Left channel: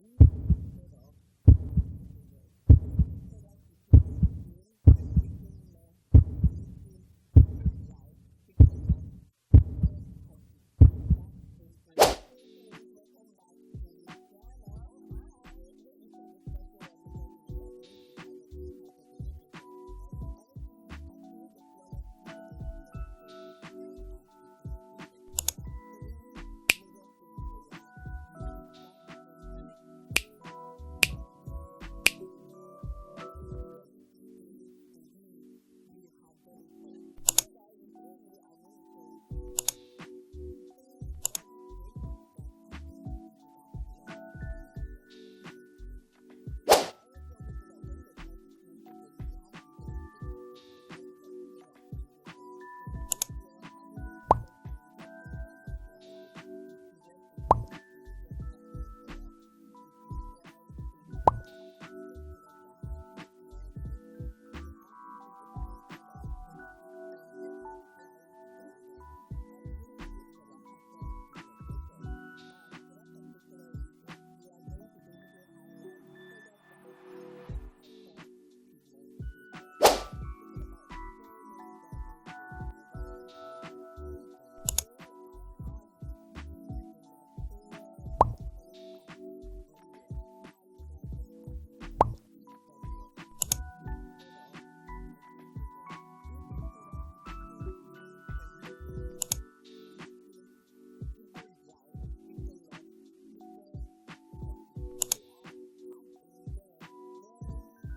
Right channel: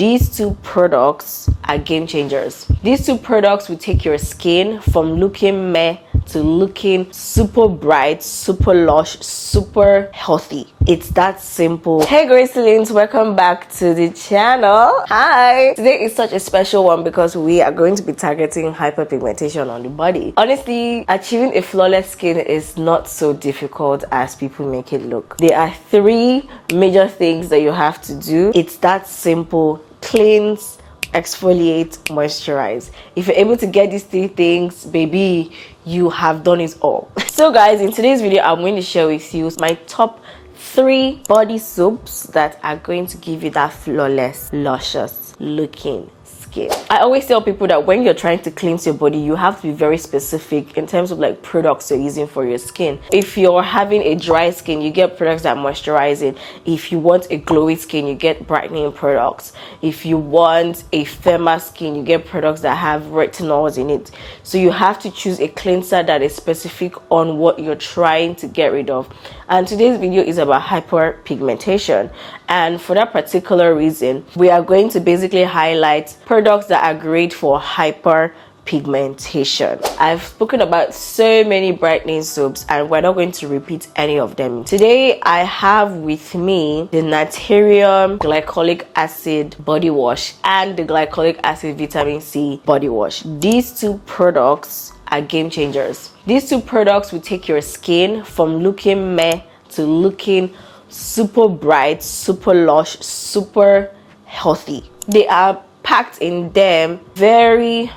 These two products are game changers. These two products will take your skin from looking meh to looking super bright, super lush, super healthy. It's that simple. Hey Gracelines, welcome back to the channel. Hi! Today is such a special one because we are going to be targeting hyperpigmentation on the body. Honestly, achieving a flawless skin is not so difficult as people make it look. There are three major things that you have to do. It's that simple. Cleanse, exfoliate, moisturize. If you're able to get these three things, baby, you have done it all. So guys, in today's video I'm going to share with you my top 3 body soaps that are going to give you that flawless, luscious looking skin. I always tell people that when you're trying to cleanse your body, you have to be very specific in terms of like products you're using for your skin. If you're having a dry skin, you get products that moisturize it. If you want a glowy skin, you get brightening products. If you want a firmer skin, you get products that have retinols in it. So you have to choose a cleanser that is specific on what you're trying to get rid of. And today's video is about hyperpigmentation. And for that particular reason, we are going to basically highlight products that are great for hyperpigmentation. I've spoken about so many brightening soaps and we're not going to repeat any of them. Today I have with me the Naturium Glycolic Acid Body Wash and the Glycolic Acid Vitamin C Body Wash. These two products are game changers. These two products will take your skin from looking meh to looking super bright, super lush, super healthy. They are packed in them very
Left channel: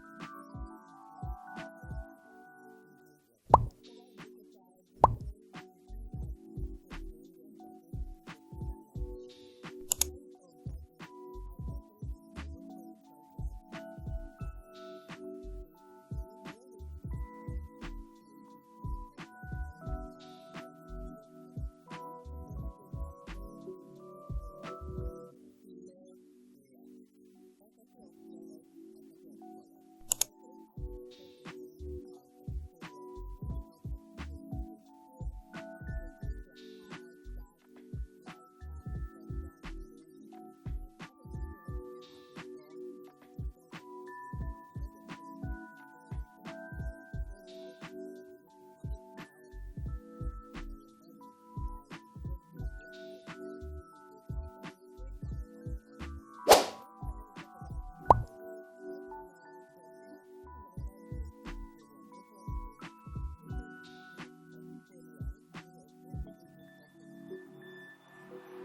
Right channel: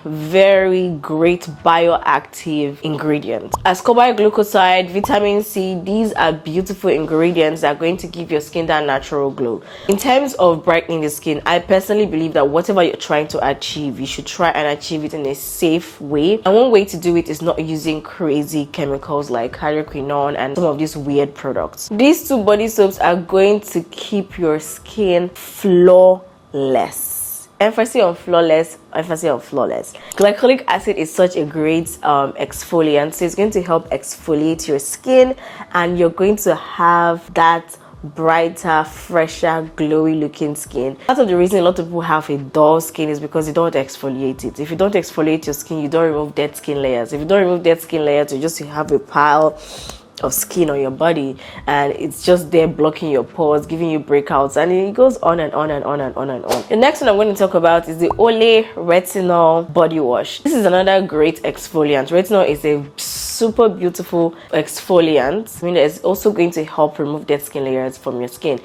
great bioactive ingredients. Ascorbyl glucoside, vitamin C, these are beautiful ingredients that are going to give your skin that natural glow. In terms of brightening the skin, I personally believe that whatever you're trying to achieve, you should try and achieve it in a safe way. And one way to do it is not using crazy chemicals like hydroquinone and some of these weird products. These two body soaps are going to keep your skin flawless. Emphasis on flawless, emphasis on flawless. Glycolic acid is such a great exfoliant, so it's going to help exfoliate your skin and you're going to have that brighter, fresher, glowy looking skin. Part of the reason a lot of people have a dull skin is because you don't exfoliate it. If you don't exfoliate your skin, you don't remove dead skin layers. If you don't remove dead skin layers, you just have a pile of skin on your body and it's just there blocking your pores, giving you breakouts, and it goes on and on and on and on and on. The next one I'm going to talk about is the Olay Retinol Body Wash. This is another great exfoliant. Retinol is a super beautiful exfoliant. I mean, it's also going to help remove dead skin layers from your skin.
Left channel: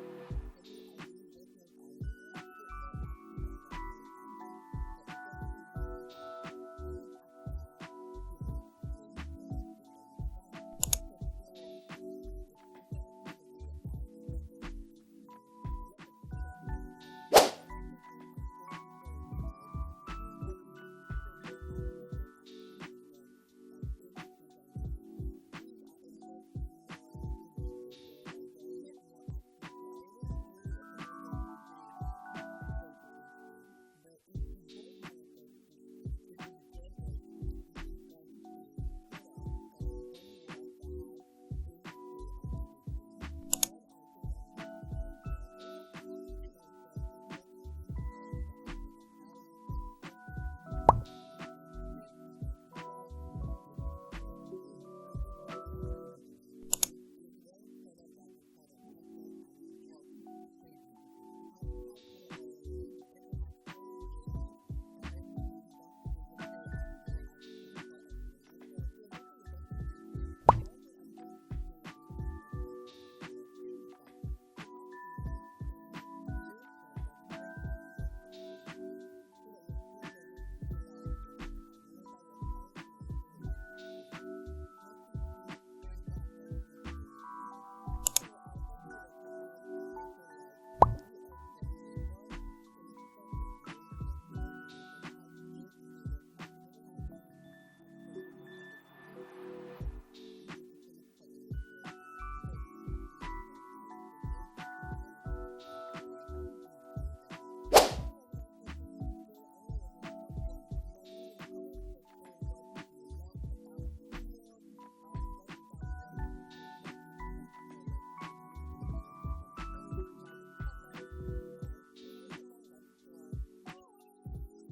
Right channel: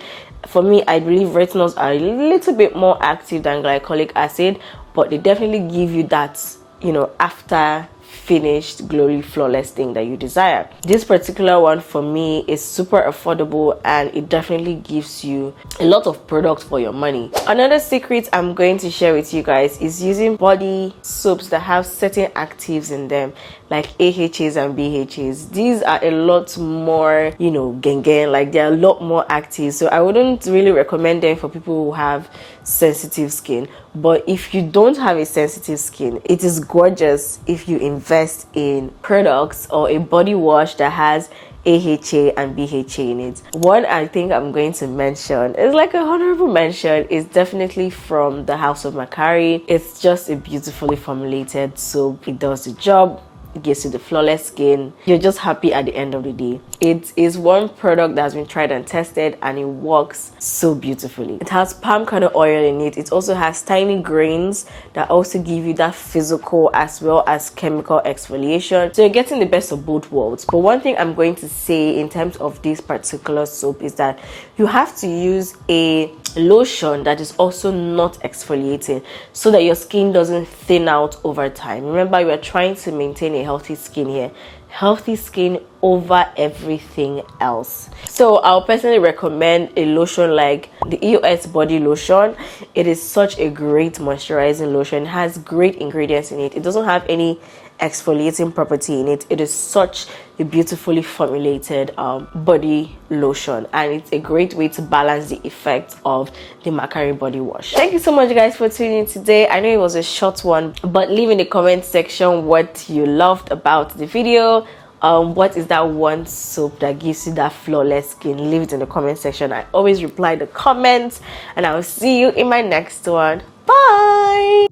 For me, I believe retinols are a little bit more active than glycolic acid, but they definitely give you that, you know, after finished glowy flawless thing that you desire. This particular one for me is super affordable and it definitely gives you a lot of products for your money. Another secret I'm going to share with you guys is using body soaps that have certain actives in them like AHAs and BHAs. These are a lot more, you know, gang, like they're a lot more active, so I wouldn't really recommend them for people who have sensitive skin. But if you don't have a sensitive skin, it is gorgeous if you invest in products or a body wash that has AHA and BHA in it. One I think I'm going to mention is like a honorable mention is definitely from the House of Macari. It's just a beautifully formulated soap. It does the job. It gives you the flawless skin. You're just happy at the end of the day. It is one product that has been tried and tested and it works so beautifully. It has palm kernel oil in it. It also has tiny grains that also give you that physical as well as chemical exfoliation. So you're getting the best of both worlds. But one thing I'm going to say in terms of this particular soap is that you have to use a lotion that is also not exfoliating so that your skin doesn't thin out over time. Remember, we are trying to maintain a healthy skin here. Healthy skin over everything else. So I'll personally recommend a lotion like the EOS body lotion. It is such a great moisturizing lotion. It has great ingredients in it. It doesn't have any exfoliating property in it. It is such a beautifully formulated body lotion, and it's a great way to balance the effect of the Macari body wash. Thank you so much guys for tuning in today. I know it was a short one, but leave in the comment section what you loved about the video, What is that one soap that gives you that flawless skin? Leave it in the comment section. I always reply the comments, and I will see you in my next one. Bye.